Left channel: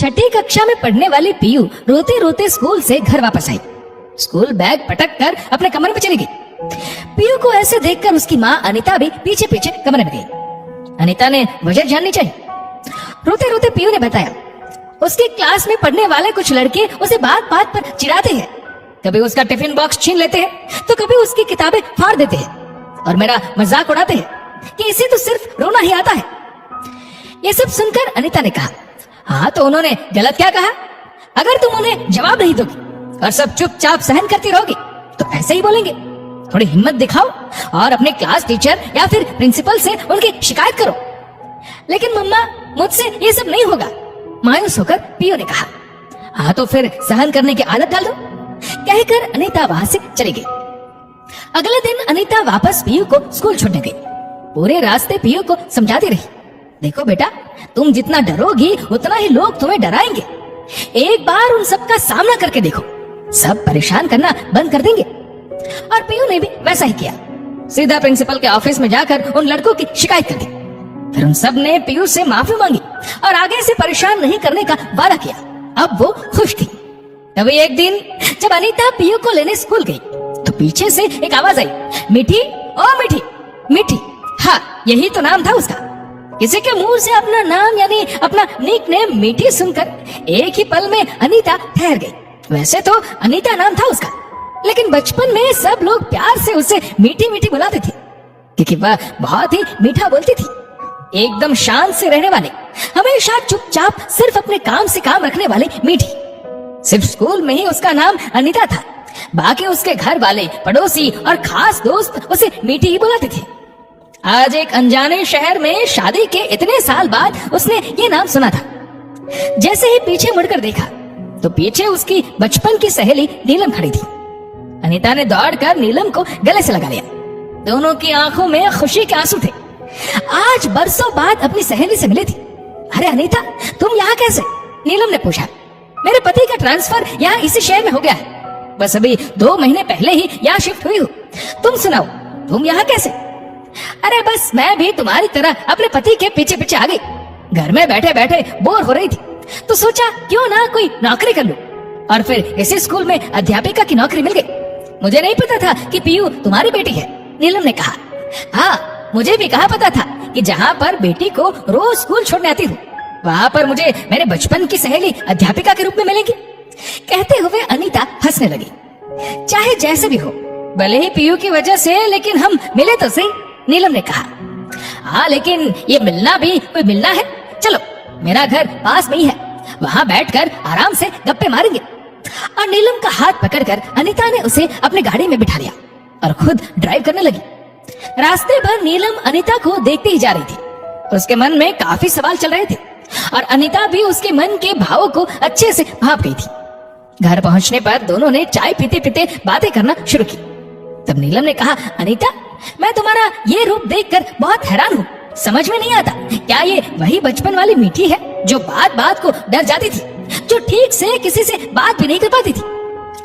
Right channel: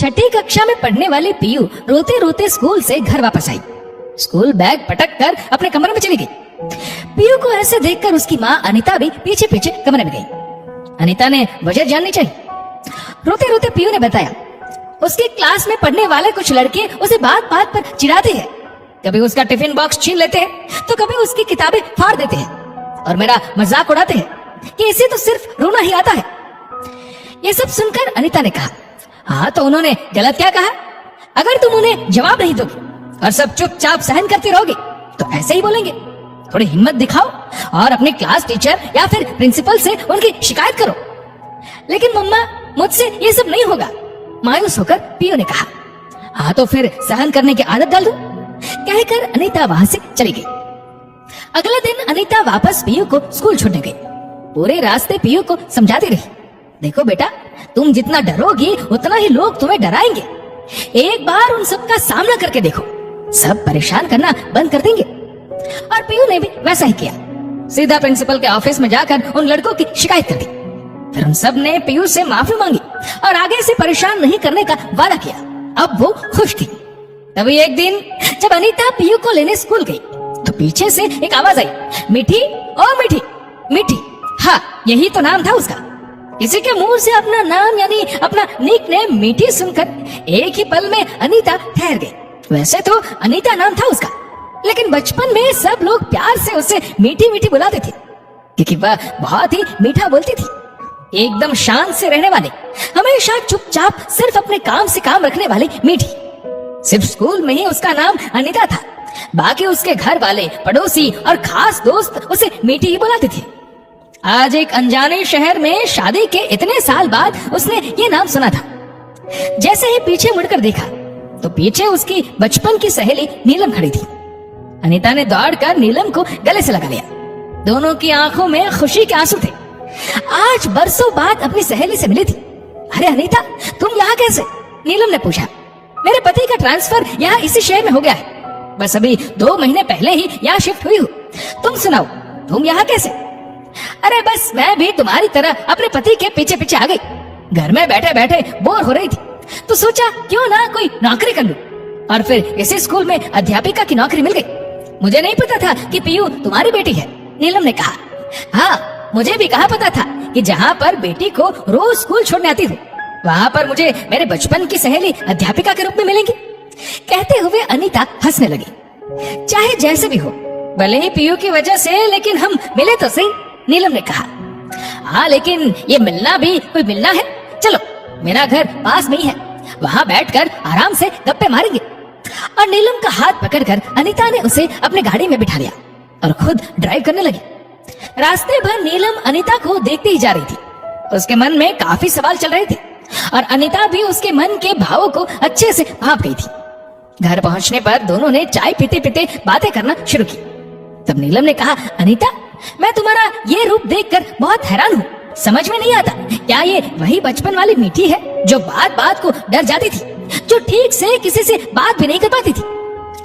छठी कक्षा में पढ़ने वाली पीयू रोते रोते स्कूल से घर वापस आई। स्कूल बैग पटक कर अपने कमरे में चली गई। पीयू को ऐसे देखकर उसकी माँ अनीता भी पीछे पीछे कमरे में गई। अनीता ने वजह जाननी चाहिए। रोते रोते पीयू ने बताया, उसके क्लास में पढ़ने वाले कुछ लड़के उसे बात बात पर चिढ़ाते हैं। कभी उसका टिफिन बॉक्स छीन लेते हैं तो कभी उसकी किताबें फाड़ देते हैं और मेरा मजाक उड़ाते हैं कि इसे तो सिर्फ रोना ही आता है। ये सब सुनकर अनीता ने कहा, हाँ तो उन्होंने गलत क्या कहा? अगर तुम उन्हें जवाब नहीं दोगे और सब चुपचाप सहन करते रहोगे तो ऐसे ही बोलेंगे। थोड़ी हिम्मत दिखाओ और अपने क्लास टीचर या फिर प्रिंसिपल से उनकी शिकायत करो। लेकिन मम्मा, मुझसे ये सब नहीं होगा, मायूस होकर पीयू ने कहा। हाँ तो फिर सहन करने की आदत डाल दो, कहकर अनीता वहां से चली गई। अगले दिन अनीता वापस पीयू को स्कूल छोड़ने गई। पूरे रास्ते पीयू को समझाती रही, देखो बेटा, तुम जितना डरोगी उतना ही लोग तुम्हें डराएंगे। एक बार उन सब का सामना करके देखो, सब परेशान करना बंद कर देंगे। और पीयू ने भी वैसा ही किया। सीधा प्रिंसिपल के ऑफिस में जाकर उन लड़कों की शिकायत कर दी। फिर उन सब ने पीयू से माफी मांगी और आगे से परेशान नहीं करने का वादा किया। अब वो खुश थी। तभी एक दिन जब अनीता पीयू को लेने स्कूल गई तो पीछे से एक आवाज आई, मीठी, ओ मीठी, मीठी। हाँ, यही तो नाम था उसका। किसी के मुंह से अपना नाम यानी अपना निकनेम मीठी सुनकर एक ही पल में अनीता ठहर गई। वैसे तो अनीता नाम था उसका, लेकिन बचपन में सब लोग प्यार से उसे मीठी मीठी बुलाते थे क्योंकि वह बहुत ही मीठा बोलती थी। एकदम शांत से रहने वाले, हमेशा चुपचाप सिर्फ अपने काम से काम रखने वाले मीठी। सिर्फ स्कूल में ही उसका नाम अनीता था, बाकी उसके घर वाले, पड़ोसी और खास दोस्त उसे मीठी ही बुलाते थे। आज एक अनजाने शहर में शादी के इतने साल बाद उसने ये नाम सुना था। जैसे ही पीछे मुड़कर देखा तो पीछे उसकी बचपन की सहेली नीलम खड़ी थी। अनीता ने दौड़कर नीलम को गले से लगा लिया। दोनों की आंखों में खुशी के आंसू थे। आज बरसों बाद अपनी सहेली से मिली थी। अरे अनीता, तुम यहाँ कैसे? नीलम ने पूछा। मेरे पति का ट्रांसफर यहाँ इसी शहर में हो गया है, बस अभी 2 महीने पहले ही यहाँ शिफ्ट हुई हूँ। तुम सुनाओ, तुम यहाँ कैसे? अरे बस मैं भी तुम्हारी तरह अपने पति के पीछे पीछे आ गई। घर में बैठे बैठे बोर हो रही थी तो सोचा क्यों ना कोई नौकरी कर लूं, और फिर इसी स्कूल में अध्यापिका की नौकरी मिल गई। मुझे नहीं पता था कि पीयू तुम्हारी बेटी है, नीलम ने कहा। हाँ, मुझे भी कहाँ पता था कि जहाँ पर बेटी को रोज स्कूल छोड़ने आती हूँ वहाँ पर मुझे मेरे बचपन की सहेली अध्यापिका के रूप में मिलेंगी। कहते हुए अनीता हंसने लगी। चाहे जैसे भी हो, भले ही पीयू की वजह से, लेकिन हम मिले तो सही, नीलम ने कहा। हाँ, लेकिन ये मिलना भी कोई मिलना है। चलो, मेरा घर पास में ही है, वहाँ बैठकर आराम से गप्पे मारेंगे। और नीलम का हाथ पकड़कर अनीता ने उसे अपने गाड़ी में बिठा लिया और खुद ड्राइव करने लगी। रास्ते भर नीलम अनीता को देखती ही जा रही थी। उसके मन में काफी सवाल चल रहे थे और अनीता भी उसके मन के भावों को अच्छे से भाप गई थी। घर पहुंचने पर दोनों ने चाय पीते पीते बातें करना शुरू की। तब नीलम ने कहा, अनीता, मैं तुम्हारा ये रूप देखकर बहुत हैरान हूँ। समझ में नहीं आता, क्या ये वही बचपन वाली मीठी है जो बात बात को डर जाती थी, जो ठीक से किसी से बात भी नहीं कर पाती थी?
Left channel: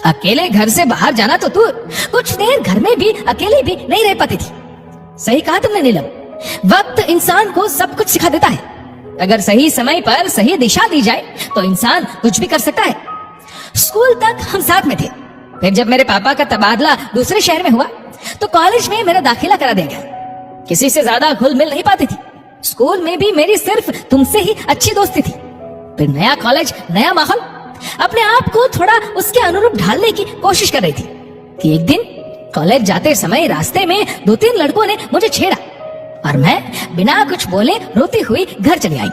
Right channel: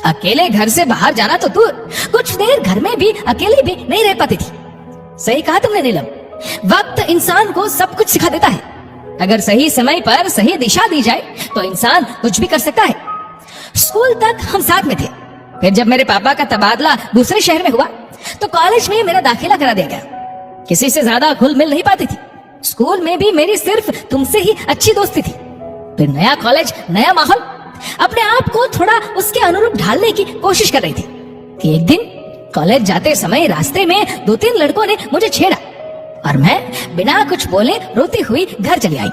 अकेले घर से बाहर जाना तो दूर, कुछ देर घर में भी अकेले भी नहीं रह पाती थी। सही कहा तुमने नीलम, वक्त इंसान को सब कुछ सिखा देता है। अगर सही समय पर सही दिशा दी जाए तो इंसान कुछ भी कर सकता है। स्कूल तक हम साथ में थे, फिर जब मेरे पापा का तबादला दूसरे शहर में हुआ तो कॉलेज में मेरा दाखिला करा दिया गया। किसी से ज्यादा घुल मिल नहीं पाती थी। स्कूल में भी मेरी सिर्फ तुमसे ही अच्छी दोस्ती थी। फिर नया कॉलेज, नया माहौल, अपने आप को थोड़ा उसके अनुरूप ढालने की कोशिश कर रही थी कि एक दिन कॉलेज जाते समय रास्ते में 2-3 लड़कों ने मुझे छेड़ा और मैं बिना कुछ बोले रोती हुई घर चली आई।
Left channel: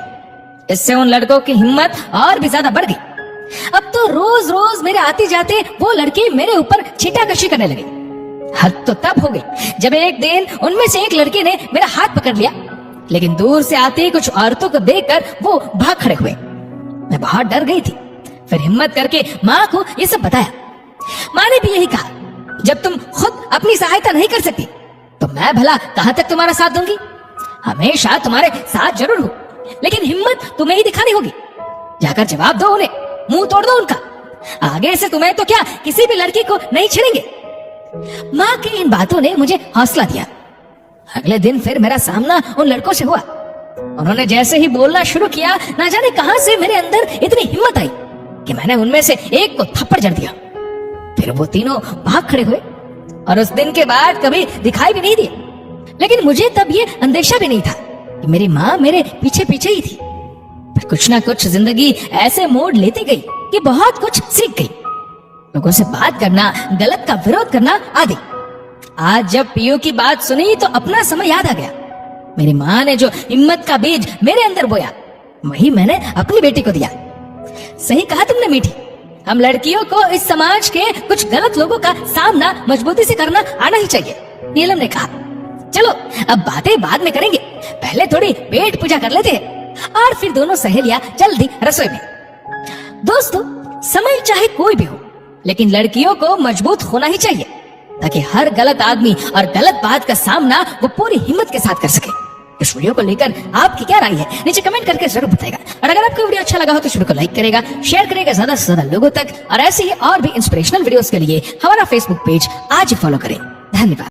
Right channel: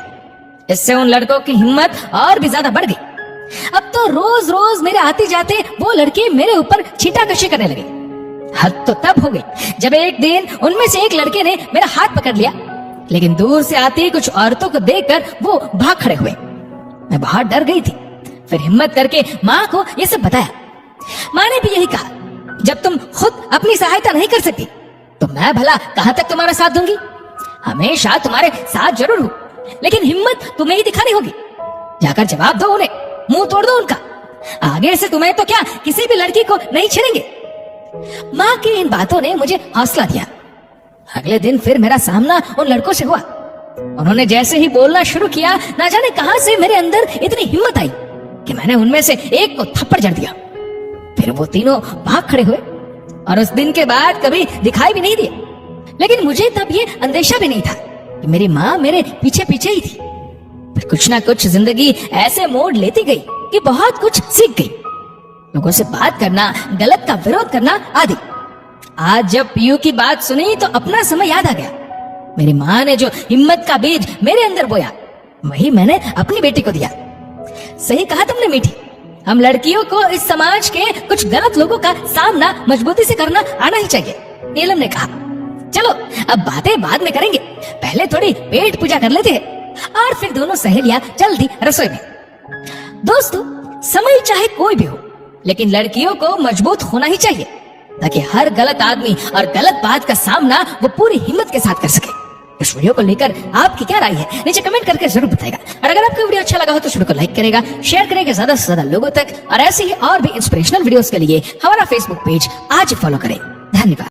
इससे उन लड़कों की हिम्मत और भी ज्यादा बढ़ गई। अब तो रोज रोज मेरे आते जाते वो लड़के मेरे ऊपर छींटाकशी करने लगे। हद तो तब हो गई जब एक दिन उनमें से एक लड़के ने मेरा हाथ पकड़ लिया, लेकिन दूर से आते कुछ औरतों को देखकर वो भाग खड़े हुए। मैं बहुत डर गई थी। फिर हिम्मत करके माँ को ये सब बताया। माँ ने भी यही कहा, जब तुम खुद अपनी सहायता नहीं कर सकती तो मैं भला कहाँ तक तुम्हारा साथ दूंगी? हमेशा तुम्हारे साथ जरूर हूँ, लेकिन हिम्मत तुम्हें ही दिखानी होगी। जाकर जवाब दो उन्हें, मुंह तोड़ दो उनका। आगे से तुम्हें तो क्या किसी भी लड़की को नहीं छेड़ेंगे। माँ की इन बातों ने मुझे हौसला दिया। अगले दिन फिर मेरा सामना उन लड़कों से हुआ। उन्होंने जैसे ही बोलना शुरू किया, ना जाने कहां से मेरे अंदर इतनी हिम्मत आई कि मैंने उनमें से एक को थप्पड़ जड़ दिया। फिर वो तीनों भाग खड़े हुए और उस दिन के बाद कभी दिखाई भी नहीं दिए। लेकिन मुझे तब ये अंदेशा भी नहीं था कि मेरी माँ मेरे पीछे पीछे ही थी। फिर कुछ ना कुछ जिंदगी ऐसे मोड़ लेती गई कि बहुत कुछ सीख गई, लोगों से बात करना, गलत का विरोध करना आदि। आज जब पीयू की बात सुनी तो अपना समय याद आ गया। मेरी माँ ने जो हिम्मत का बीज मेरे अंदर बोया, वही मैंने अपनी बेटी को दिया। सही कहा तुमने मीठी, हम लड़कियों को इस समाज के कुछ गलत लोगों का सामना मजबूती से करना आना ही चाहिए। नीलम ने कहा, चलो अब बातें बाद में करेंगे, पहले थोड़ी पेट पूजा कर लेते हैं। और फिर दोनों सहेलियां जल्दी रसोई में। दोस्तों, समय चाहे कोई भी हो, लेकिन लड़कियों को मजबूत होना ही चाहिए ताकि हर गलत आदमी और गलत बात का सामना वो पूरी हिम्मत के साथ कर सके। इस वीडियो को लेकर आपकी क्या राय है, नीचे कमेंट करके जरूर बताएगा। और अगर आपको वीडियो अच्छा लगा हो तो इस वीडियो को लाइक करेगा, शेयर करेगा ज्यादा से ज्यादा लोगों तक। और ऐसी ही और भी इंस्पिरेशनल वीडियोस के लिए हमारा फेसबुक पेज आज ही फॉलो करें। धन्यवाद।